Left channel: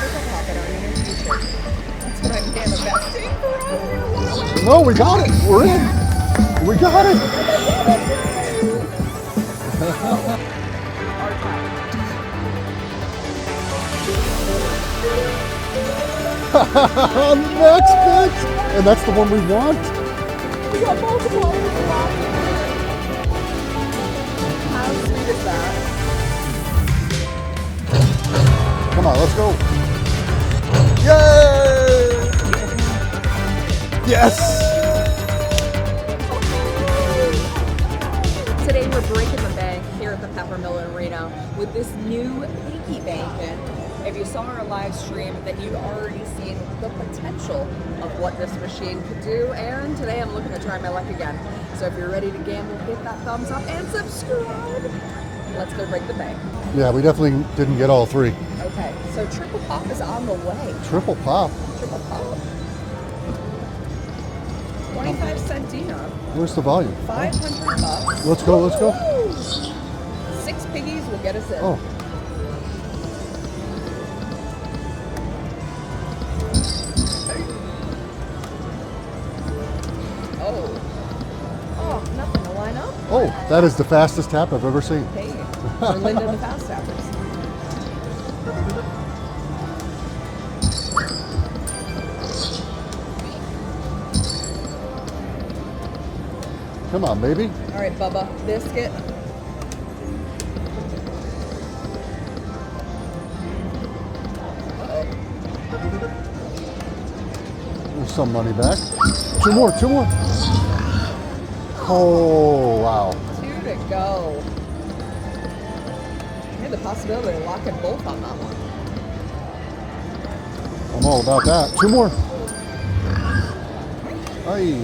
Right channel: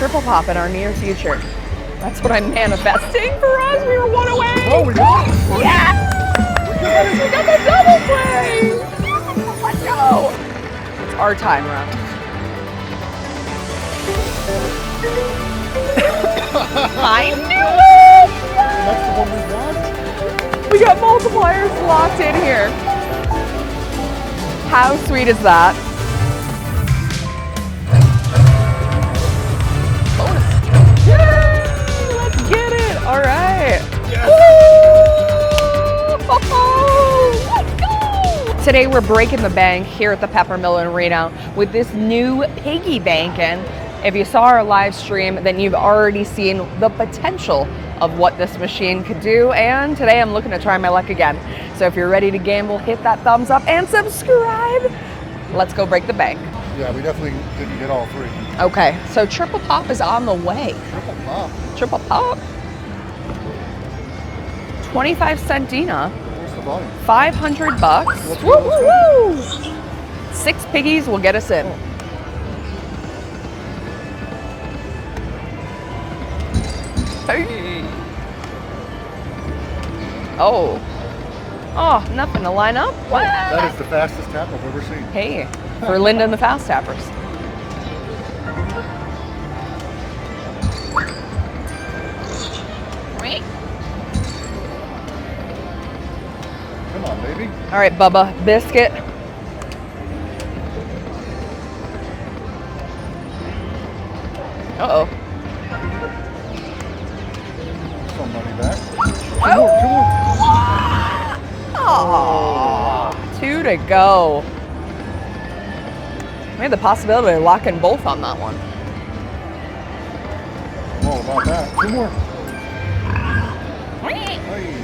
triple pop in our near future. That's what I'm manifesting for us. We were one away. No, we got it. Yes! We got it. We got the double play. Let's go. It's our time, Ron. I knew it. And that's the one we want. We got multipliers locked in here. How sweet is that? Come on, let's go. Yay! Let's get it. All right. Yes. Today we're breaking the bank here at the Peppermill in Reno with this new Piggy Bankin. If you saw our live stream, then you've already seen the potential of what this machine could do. And today I'm looking to try my luck again. So if you're ready to gamble, hit that thumbs up and subscribe. Let's go break the bank. Yeah, we definitely didn't get all three. Okay, so triple pop is on the way. Triple pop. Triple pop. 25-cent Dina. Where's the volume? $500. Let's go, let's go. Woo! 6 piggies will get us in. Oh. Hey. Oh. Oh, nothing to line up. Oh, that is the fastest tap I've ever seen. Hey, for Linda and the Fast Tappers. Come on, baby. All right, Bubba, biscuit. Uh-oh. There's some money back. Two more. Oh, wow. 2 to go. We had the possibility of locking both on that one. I'm all about that. 2 more. Hey.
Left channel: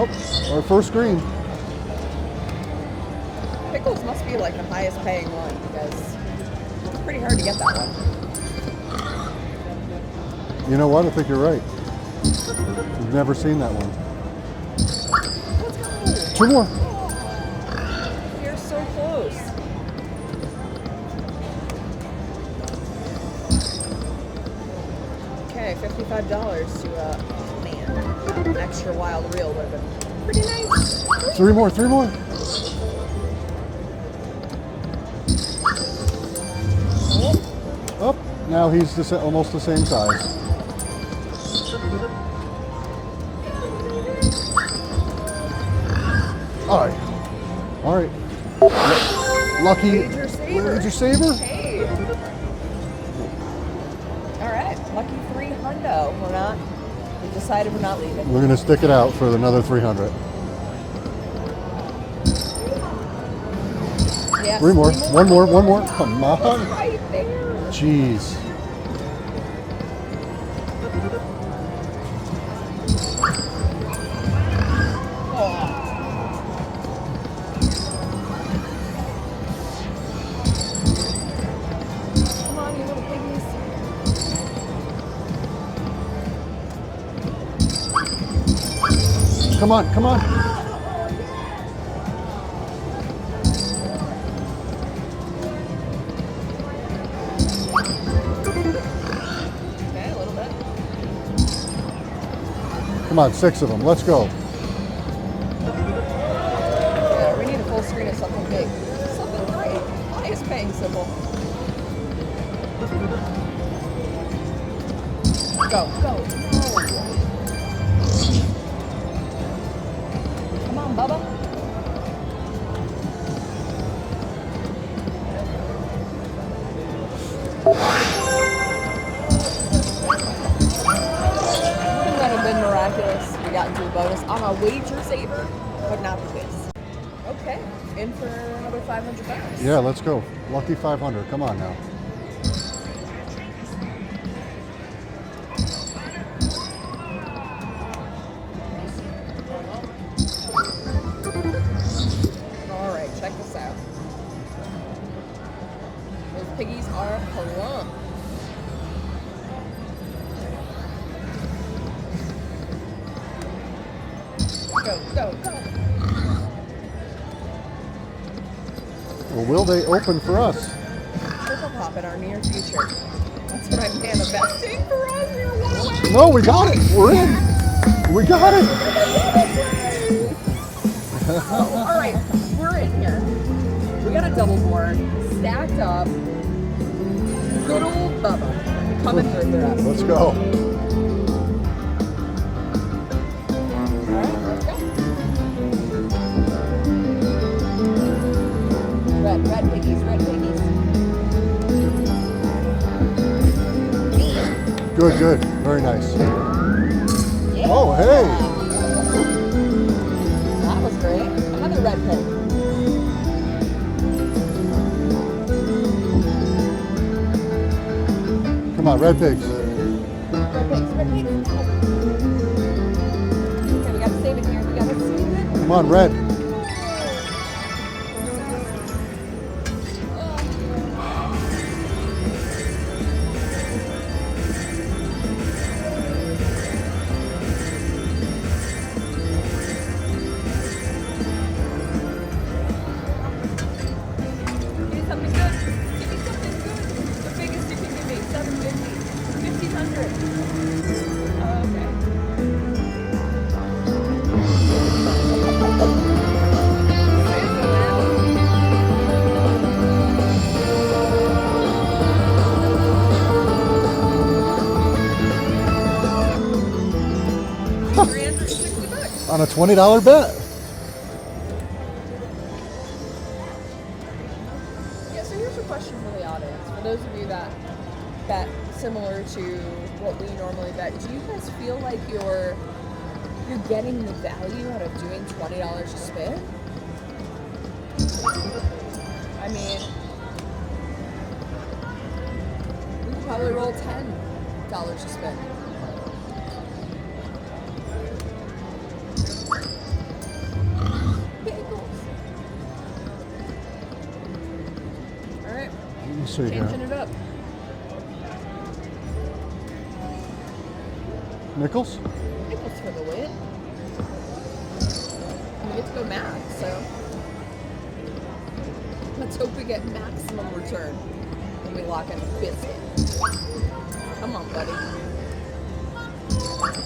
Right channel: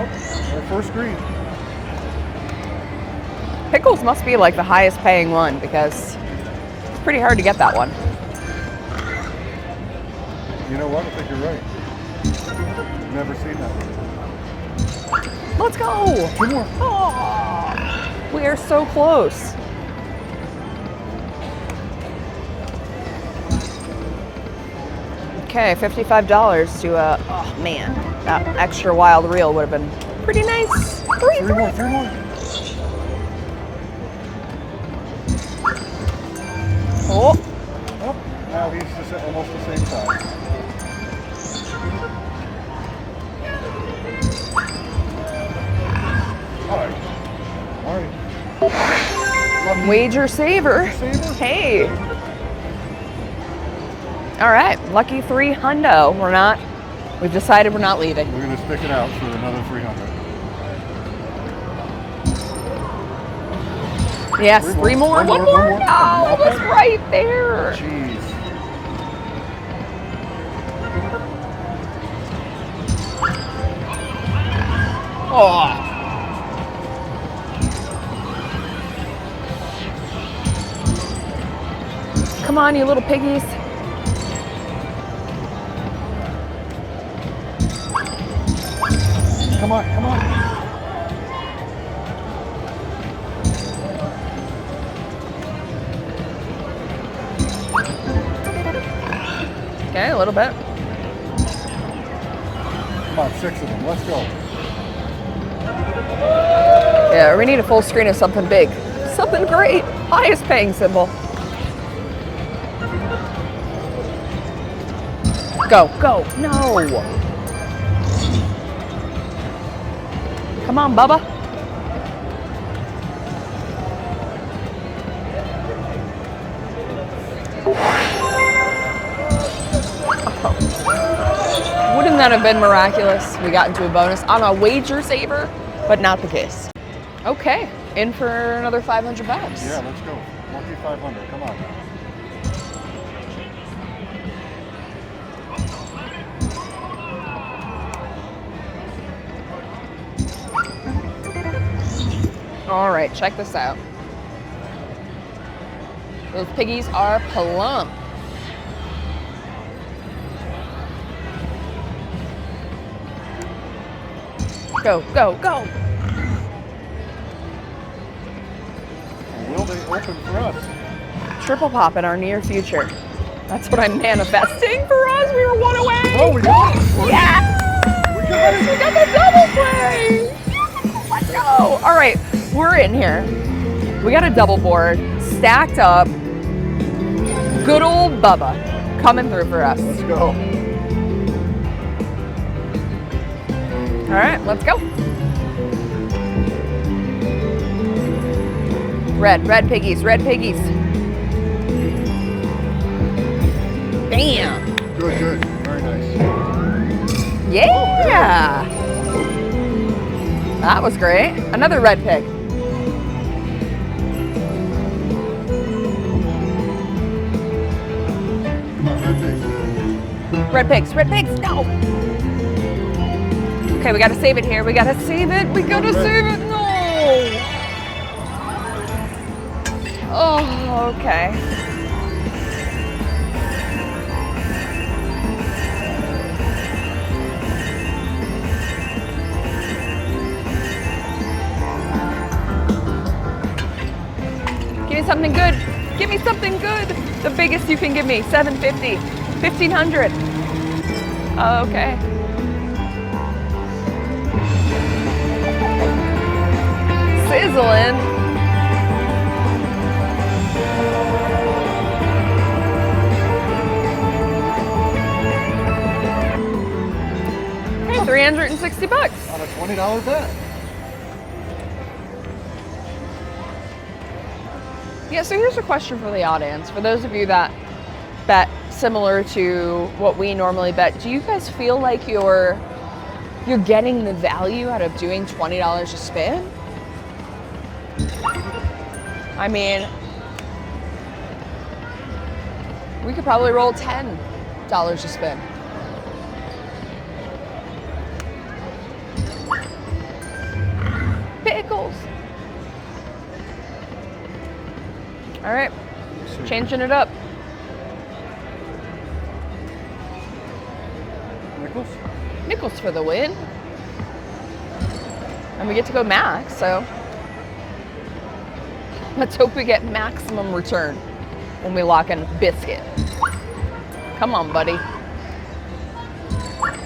Oh, our first green. Pickles must be like the highest paying one because it's pretty hard to get that one. You know what? I think you're right. We've never seen that one. Let's go. 2 more. Oh, we are so close. Okay, $55 to oh man, that extra wild reel would have been pretty nice. 3 more. Oh, Oh, now he's almost the same size. All right. Lucky. wager saver. Wager saver? Hey. All right, lucky 3 hundo. We've decided we're not leaving. We're gonna stick it out for another 300. Yes, 3 more. One more. No, Come it's on. right there. Jeez. Oh. Come on, you little piggies. Come on. Okay, a little bit. Come on, 6 of them. Let's go. Yeah, we need a full screen of something big. Something great. Highest paying symbol. Go. No. Come on, Bubba. Wouldn't that have been miraculous? We got into a bonus on a wager saver, but not the case. Okay, in for another $500. Yeah, let's go. Lucky 500. Come on now. All right, check this out. Those piggies are plump. Go. Well, will they open for us? triple pop in our near future. That's what I'm manifesting for us. We were one away. No, we got it. Yeah! We got it. We got the double play. Let's go. All right, we're in here. We got a double board stacked up. Good old Bubba coming through for us. Let's go. All right, let's go. Red piggies, red piggies. Damn. Good, good. Very nice. Yeah. Oh, hey. That was great. Another red pig. Come on, red pigs. Red pigs, red pigs, no. Okay, we gotta save it here. We gotta save it. We gotta save it. No. Oh, okay. Give me something good. Give me something good. The biggest you can give me, 750, 1500. Okay. Sizzling. Hey, 360 bucks. On a $20 bet. Yeah, so here's a question for the audience. For those of you that bet similar to what we normally bet, do you guys feel like you're getting the value out of doing $20 a spin? I mean, we could probably roll $10 a spin. Pickles. All right, Sweet. changing it up. Nickels? Nickels for the win. And we get to go max, so let's hope we get maximum return when we lock in biscuit. Come on, buddy.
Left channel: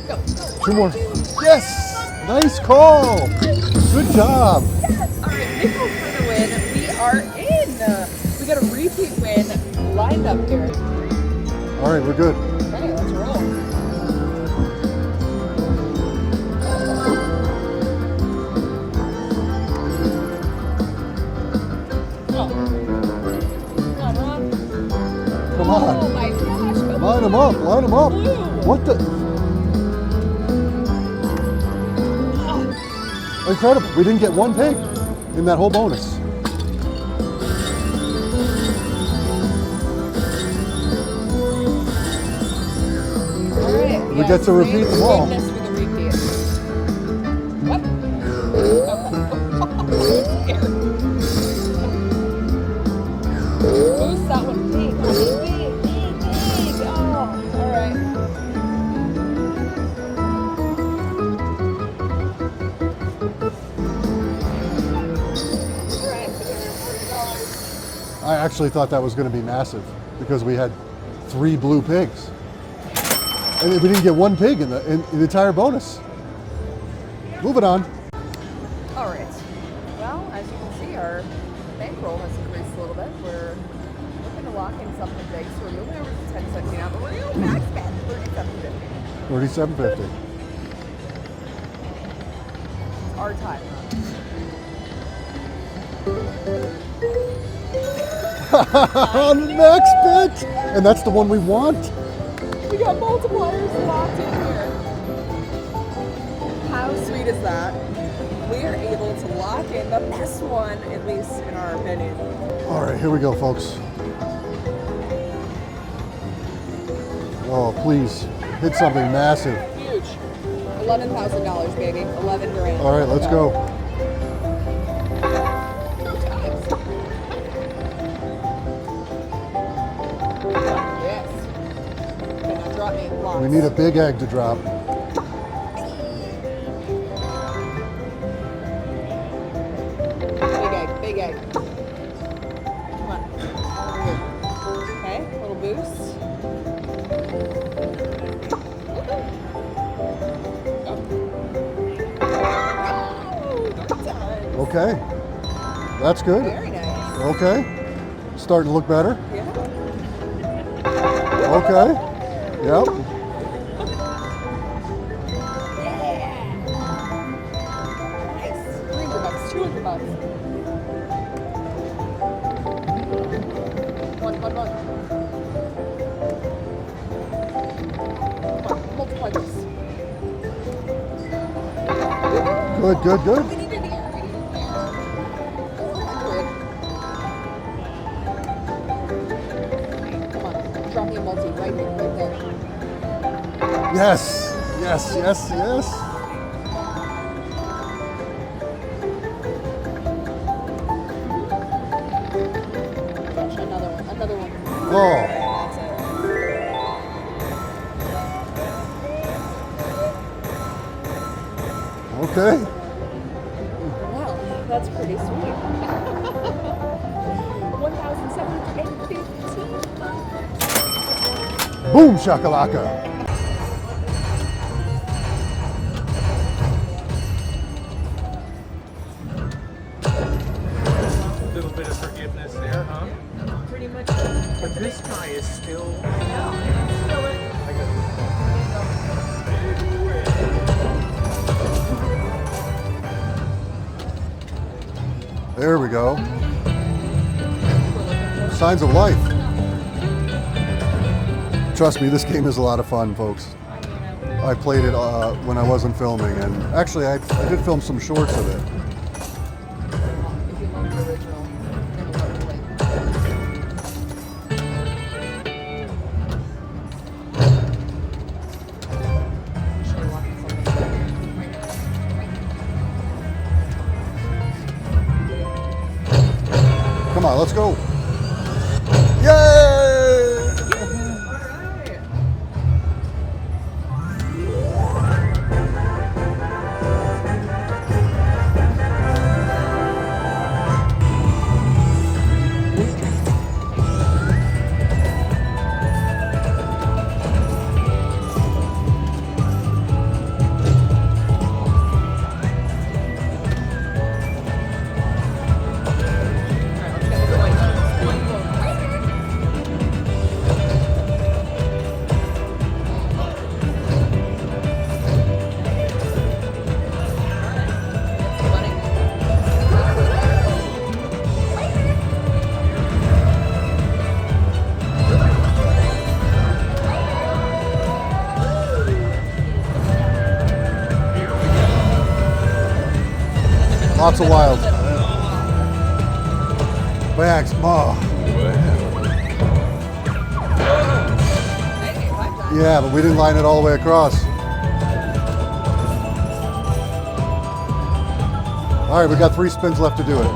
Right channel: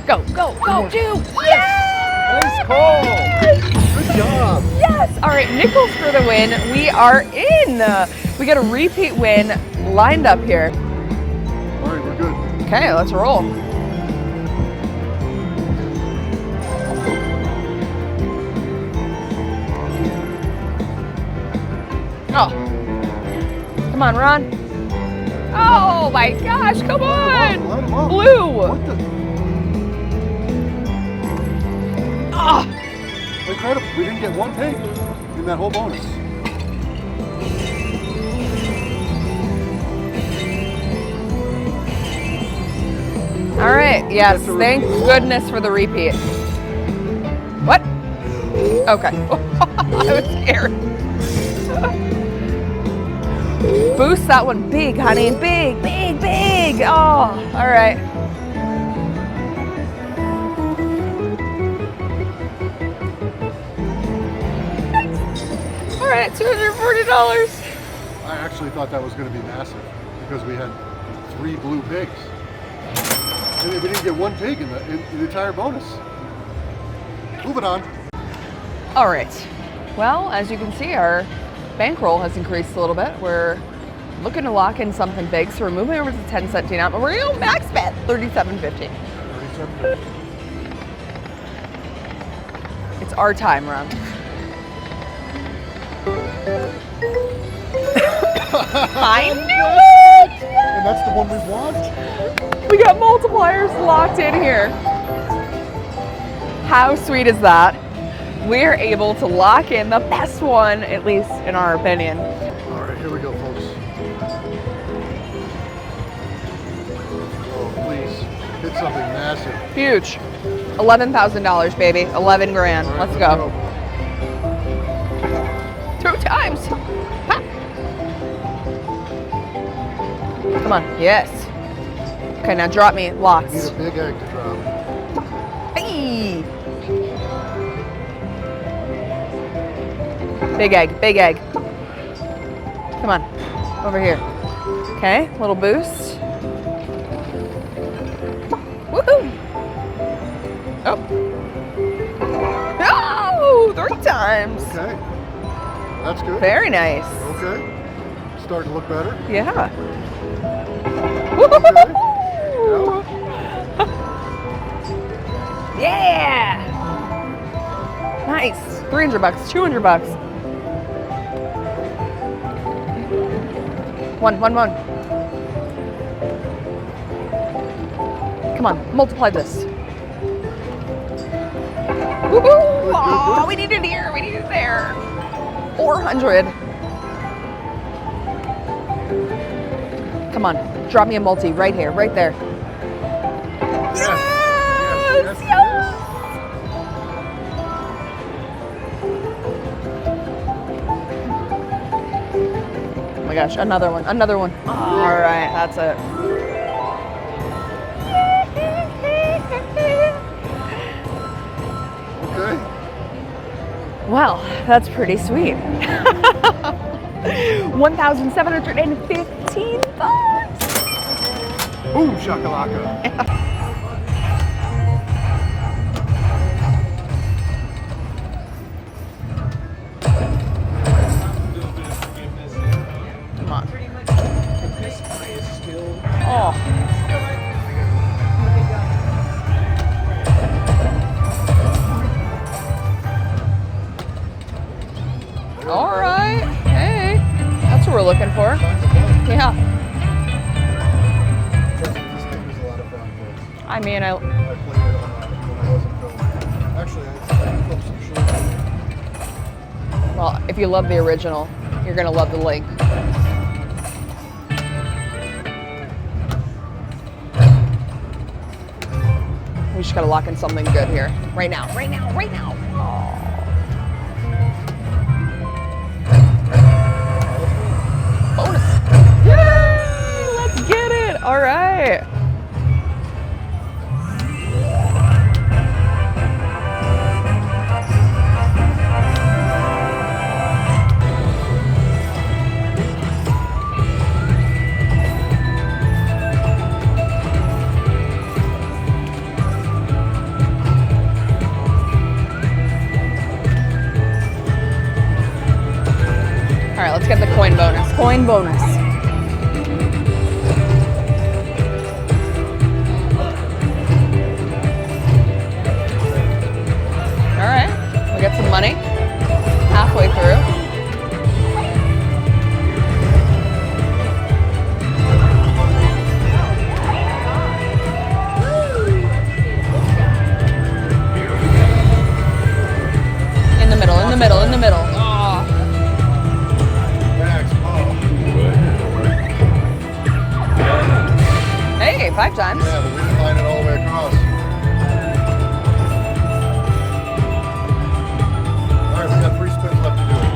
Go, go, go, do. Yes! Nice call! Good job! Yes! All right, nickels for the win. We are in. We got a repeat win lined up here. All right, we're good. Okay, let's roll. Oh. Come on, Ron. Oh my gosh, come on. Line them up. Blue. What the? Ah. Incredible. We didn't get one pig in that whole bonus. All right, yes, That's a thank repeat. goodness for the repeat. What? Okay. I was scared. Boost that one big, honey. Big, big, big. Oh, all right. All right, $240. I actually thought that was going to be massive because we had 3 blue pigs. And we didn't get one pig in the entire bonus. Moving on. All right. Well, as you can see, our bankroll has increased a little bit. We're looking to lock in something big, so we're moving over to 1017 out, but we're going to max bet $37.50. $37.50. It's our time, Ron. I knew Next bit. And that's the one we want. We got multipliers locked in here. How sweet is that? We're able to lock in the best one, at least in our opinion. All right, here we go, folks. Oh, please, hit something massive. Huge. $11,000, baby. 11 grand. All right, let's go. 2 times. Ha. Come on. Yes. Okay, now drop me lots. We need a big egg to drop. Hey. Big egg, big egg. Come on, over here. Okay, little boost. Woohoo! Oh. Oh, 3 times. Okay. That's good. Very nice. Okay. Starting to look better. Yeah. Okay. Yep. Yeah. Nice. 300 bucks, 200 bucks. One. Come on, multiply this. Woohoo! Good. Oh, we need it here, we need it there. 400. Come on, drop me a multi right here, right there. Yes. Oh my gosh, another one. All right, that's it. Okay. Well, that's pretty sweet. 1,715 bucks. Boom shakalaka. Pretty much, but this guy is still. Oh, There we all go. right. Hey, that's what we're looking for. Signs of life. Yeah. Trust me, this game is a lot of fun, folks. I mean, I played it when I wasn't filming, and actually I did film some shorts of it. well, if you love the original, you're gonna love the link. We just gotta lock in something good here. Right now. Come on, let's go. Bonus. Yay! Let's get it. All right. All right, let's get the coin bonus. Coin bonus. All right, we got some money. Halfway through. In the middle, Lots in of the middle, in wild. the middle. Max, oh. Hey, 5 times. Yeah, but we didn't line it all the way across. All right, we got 3 spins left to do it.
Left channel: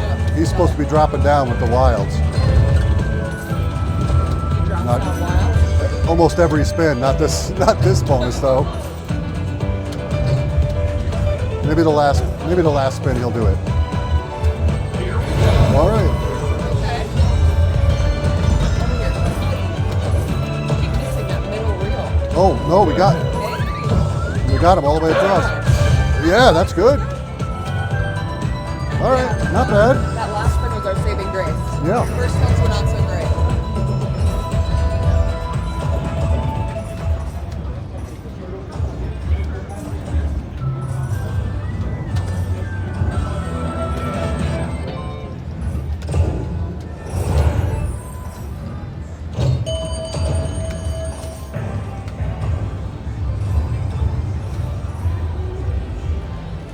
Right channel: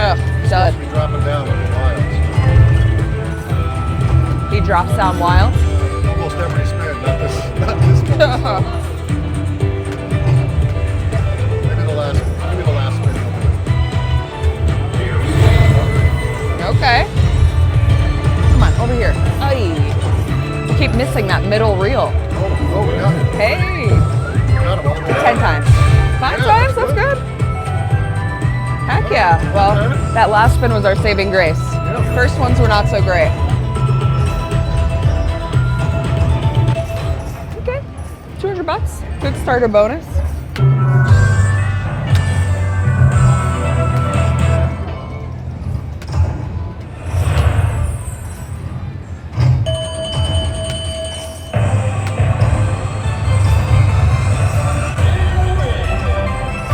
Oh, He's supposed to be dropping down with the wilds. He drops down wild. Almost every spin, not this bonus though. Maybe the last spin he'll do it. All right. Okay. Come on, over here. Ay. Keep missing that middle reel. Oh no, we got it. Hey. We got him all the way 10 across. times. 5 Yeah, times, that's good. Heck All right, yeah. not Well, bad. that last spin was our saving grace. Yeah. First ones were not so great. Okay. 200 bucks. Good starter bonus.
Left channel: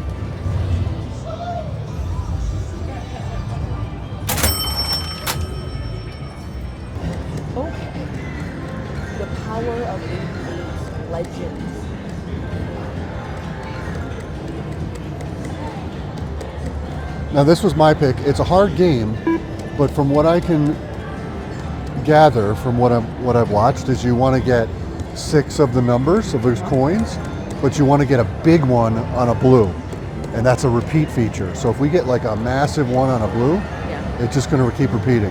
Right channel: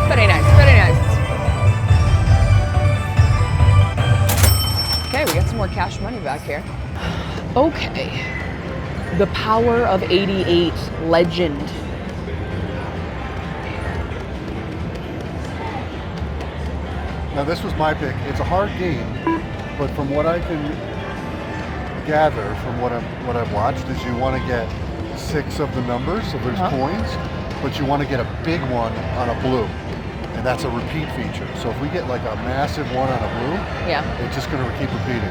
Very nice, very nice. Okay, we got some more cash money back here. Okay. The Power of 88 Legend. Now this was my pick. It's a hard game, but from what I can gather from what I've watched is you want to get 6 of the numbers of those coins, but you want to get a big one on a blue. and that's a repeat feature. So if we get like a massive one on a blue, Yeah. it's just going to keep repeating.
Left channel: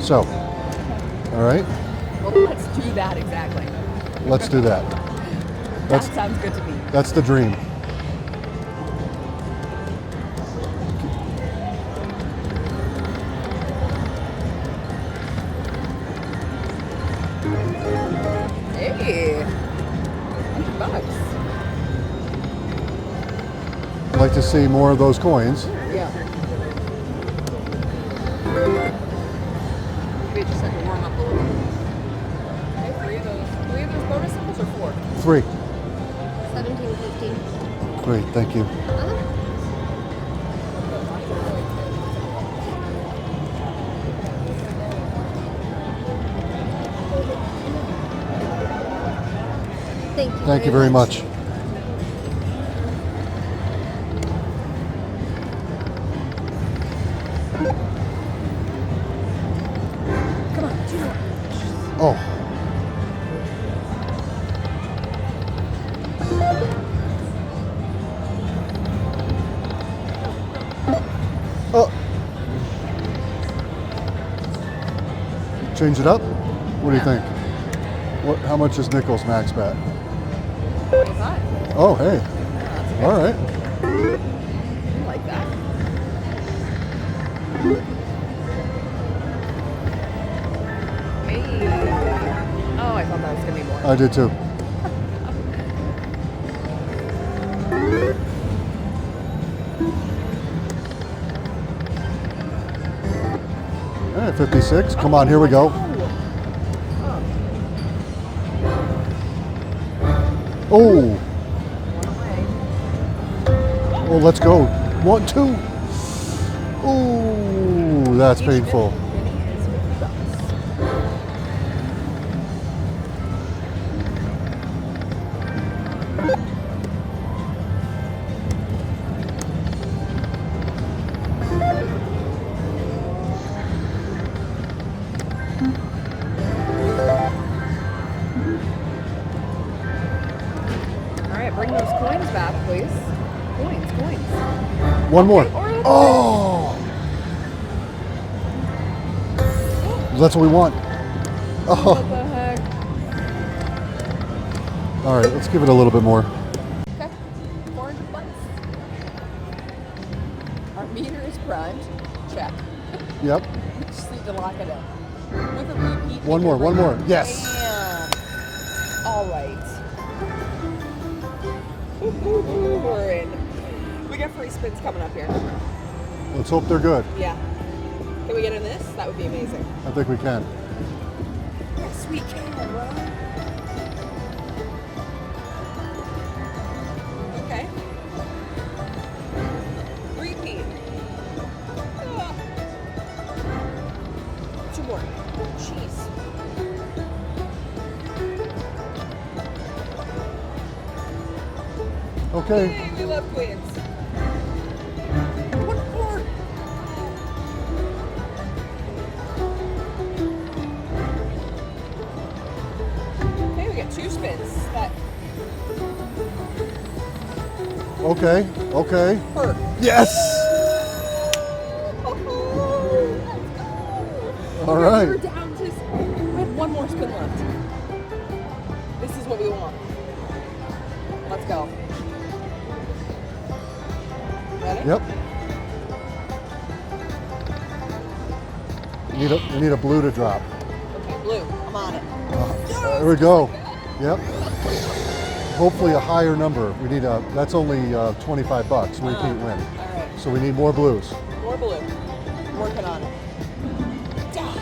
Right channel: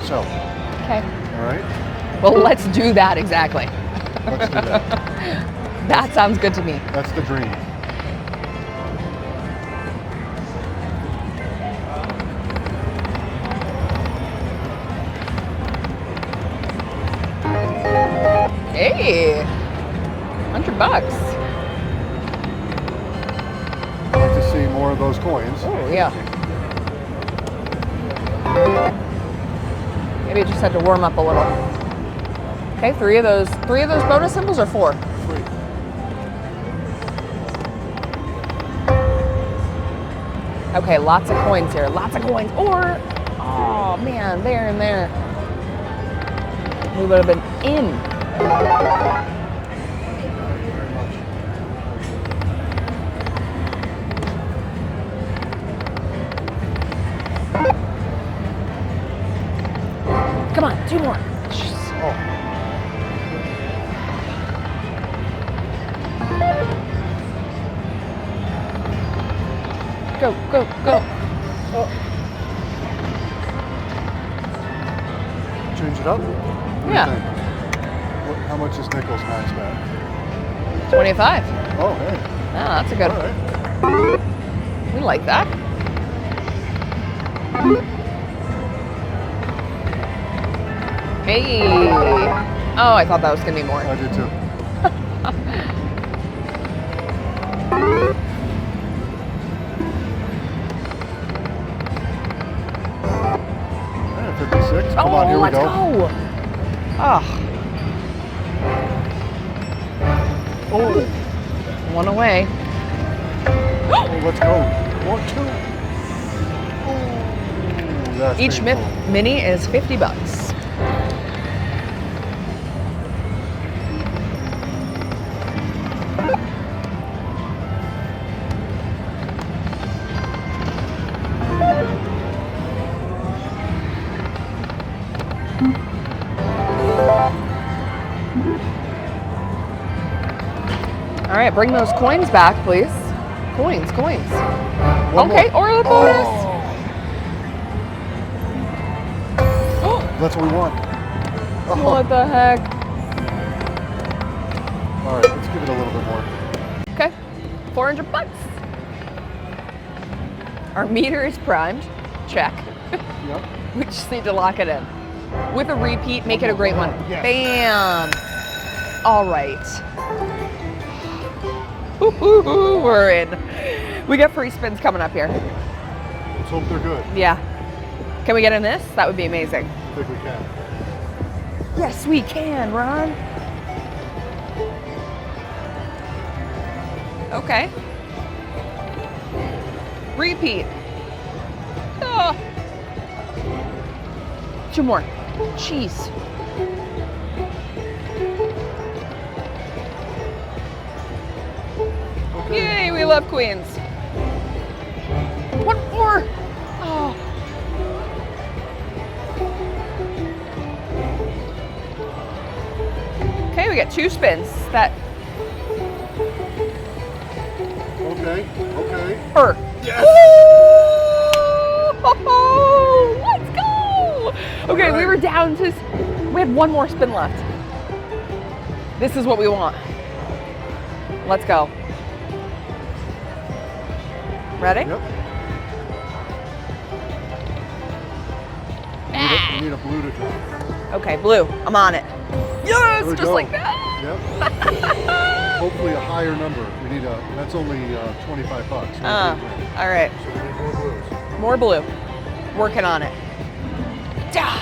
So, Okay. all right, Well, let's do that exactly. let's do that. That sounds good to me. That's the dream. Hey, $100. I'd like to see more of those coins. Oh, yeah. Maybe it just had to warm up a little. Okay, three of those bonus symbols or 4? 3. Great, thank you. Okay, lots of coins here. Lots of coins. Or, oh man, there and there. We would have been in. Thank you very much. Come on, 2 more. Oh, Go, go, go. oh. Change it up? What Yeah. do you think? How much is Nichols max bet? 25. Oh, hey. Ah, that's a good All one. right. We like that. Hey. Oh, I thought that was going to be more. I did too. All right, 56. Come on, here we let's go. Oh, Oh, one away. oh, let's go. 1, 2. Oh, that's Each painful. mini is $50. All right, bring those coins back, please. Coins. One Okay, more. or the Oh, that's what we want. Oh. What the heck? All right, let's give it a little bit more. Okay, $400. Our meter is primed. Check. Yep. We just need to lock it in. With a repeat, make One it a more, great one one. more. Yes. Bam. All right. Ooh, we're in. We got free spins coming up here. Let's hope they're good. Yeah. Can we get in this? That would be amazing. I think we can. Yes, we can, Ron. Okay. Repeat. Oh. 2 more. Jeez. Okay. Yay, we love queens. 1 more. Oh. Okay, we got 2 spins. That Okay. Okay. hurt. Yes. Oh, let's go. Okay, All right. we were down to, we had 1 more spin left. This is what we want. Let's go. Ready? Yep. We need a blue to drop. Okay, blue. I'm on it. Yes, There we just go. like that. Yep. Hopefully a higher number. We need a. That's only $25. We can't win. All right, So we need more blues. more blue. Working on it. Ah.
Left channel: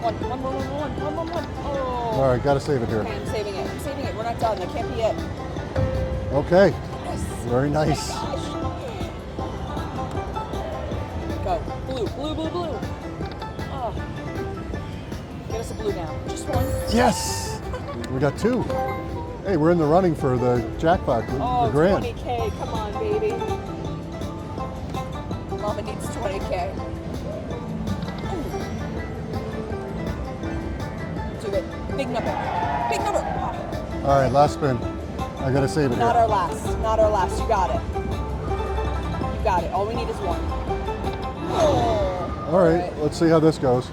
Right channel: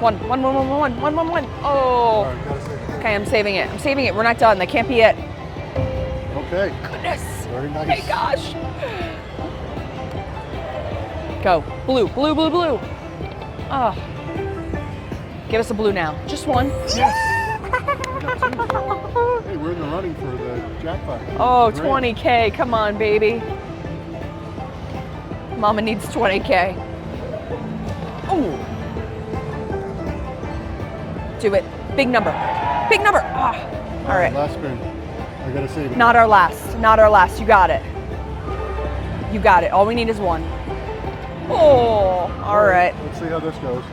One. Oh. All right, gotta save it here. Okay, I'm saving it. We're not done. That can't be it. Okay. Goodness. Very Oh my nice. gosh. Go. Blue. Oh. Give us a blue now. Just one. Yes. We got 2. Hey, we're in the running for the jackpot. Oh, the grand. 20K. Come on, baby. Mama needs 20K. Oh. Do it. Big number. Ah. All right, last spin. I gotta save it. Not our last. Not our last. You got it. You got it. All we need is one. Oh, all right. Let's see how this goes.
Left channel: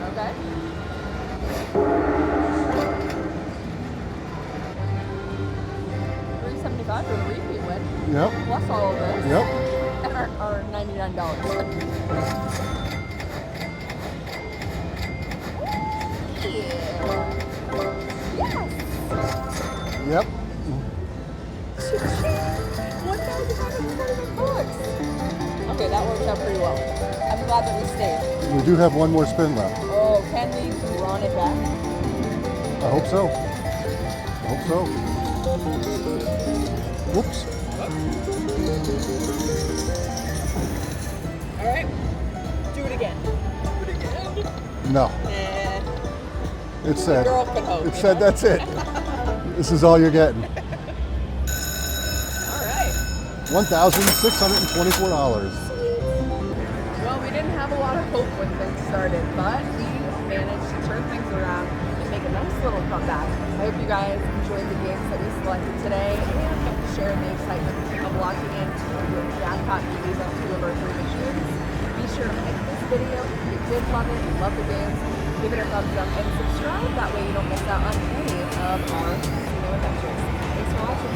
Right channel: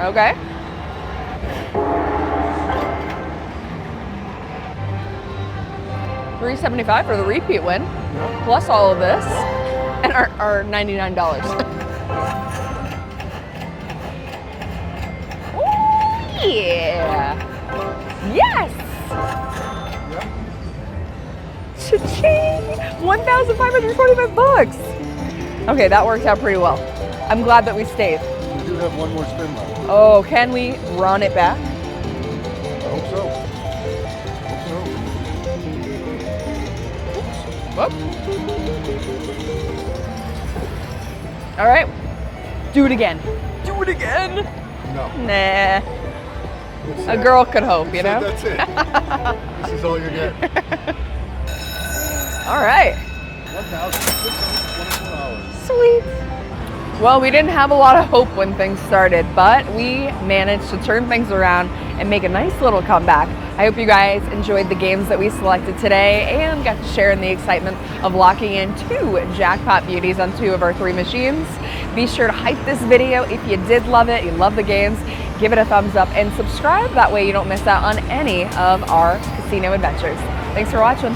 Okay. $375 for the repeat win, Yep. plus all of this, Yep. and our $99. Ooh, yeah. Yes. Yep. Cha-ching! 1,545 bucks. Okay, that worked out pretty well. I'm glad that we stayed. We do have one more spin left. Oh, can we run it back? I hope so. Hope so. Oops. Whoop. All right, do it again. Do it again. No. Nah, It's a girl could hope, you know? That's it. This is all you're getting. All right. $1,624. Sweet. Well, we didn't have a lot of hope when things started, but we managed to turn things around and make a nice little comeback. I hope you guys enjoyed the games that we selected today and got to share in the excitement of locking in 2 Jackpot Beauties on 2 of our 3 machines. Be sure to hype this video if you did love it, you love the games, give it a thumbs up and subscribe. That way you don't miss out on any of our casino adventures. Thanks for watching.